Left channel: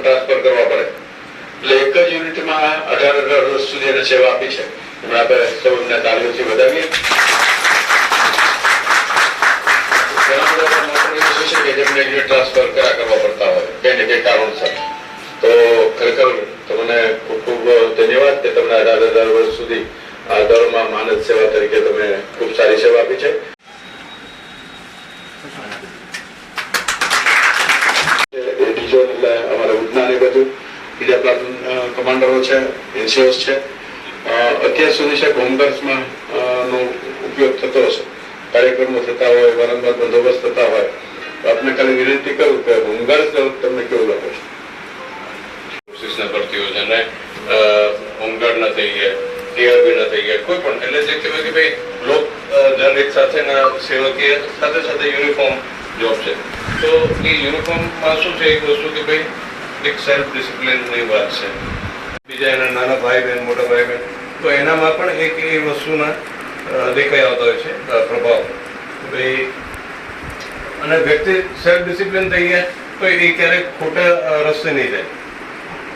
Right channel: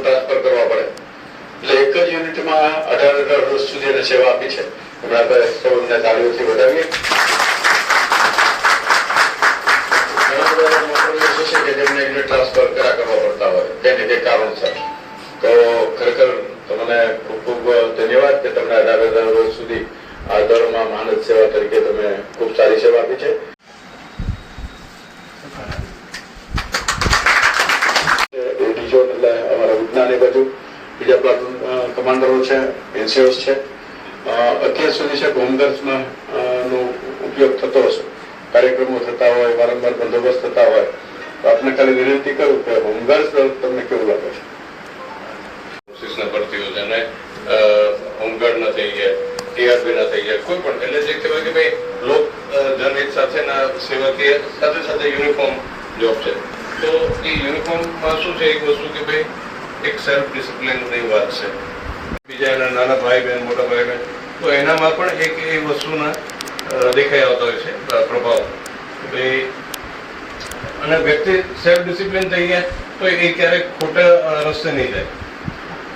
Transfer કરવા કરવા પડતા હોય. કઈ ને કઈ તો ખરેખર તમને ખૂબ ધન્યવાદ કે તમને અઢાર અઢાર વર્ષ સુધી આ દળમાં માનદ સેવા તરીકે તમે ખૂબ સારી સેવા આપી છે. એ એટલે અમારે ઉડના ને બધું બીજા પ્લાટુન કમાન્ડરો છે એનસીઓસ છે. અત્યાર સુધી છે હોમગાર્ડ્સમાં નો ઉપયોગ થતો હશે. કાર્યક્રમો થતા હોય, વારંવાર બંદોબસ્ત થતા હોય. તો આપને ખાલી વિનંતી કરું કે હોમગાર્ડ્સ તમને કેવું લાગે છે? પોલીસના ભરતીઓ છે ને હોમગાર્ડ ના થઈ ગયા ટીઆરપી ના થઈ ગયા, કોઈ પણ, એટલે જે કહેવાય કે ભાઈ, લોક સેવકીય સાથે સાથે યુનિફોર્મ જોબ છે. તો એ યુનિફોર્મમાં શું છે એક વસ્તુ કે ભાઈ, એક સેલ્ફ ડિસિપ્લિનની વાત છે. બીજા એના નાના ભાઈ બહેન મોટા ભાઈ બહેન તો એનામાં પણ એક એ વસ્તુના દેખાઈ આવતા હોય છે પ્રભાવ. ભાઈ, અને વ્યક્તિ સેલ્ફ ડિસિપ્લિન થઈ ગયા તો એ ક્યારેક ખોટા રસ્તે નહીં જાય.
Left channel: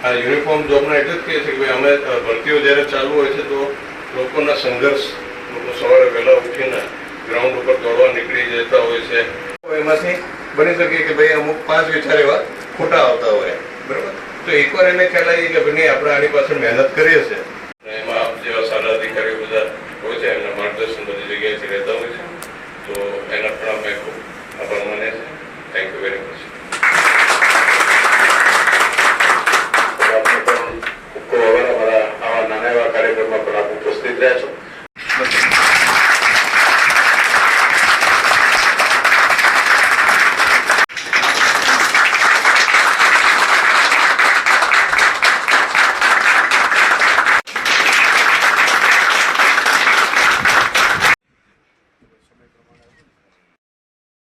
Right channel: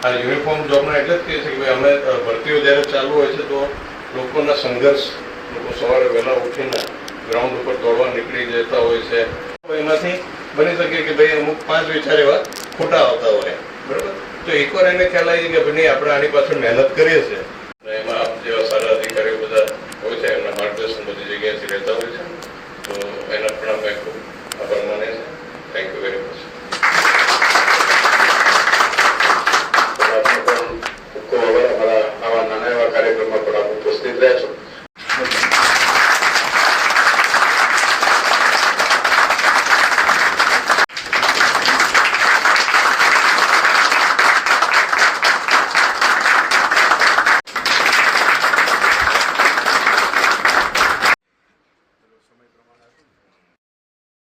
આ યુનિફોર્મ જોબના એટલે જ કહે છે કે ભાઈ, અમે ભરતીઓ જ્યારે ચાલુ હોય છે તો લોકોના સંઘર્ષ લોકો સવારે વહેલા ઉઠીને ગ્રાઉન્ડ ઉપર દોડવા નીકળી જતા હોય છે. એમાંથી બની શકે કે ભાઈ અમુક પાંચ વિચાર એવા ખોટા આવતા હોય. બરાબર? તો એકવાર એને ખ્યાલ આવી કે ભાઈ આપણે આની પાછળ મહેનત કરીએ છીએ. એમાં આપ જેવા સારા અધિકારીઓ બધા હોય છે, એમના માર્ગદર્શન બધી જગ્યાએથી રહેતા હોય છે. તો એના પણ આપણે ખૂબ આભાર માને છે થેન્ક યુ વેરી મચ ખૂબ ખૂબ આવા નાના એવા કાર્યક્રમમાં પણ આપ ઉપસ્થિત રહ્યા છો.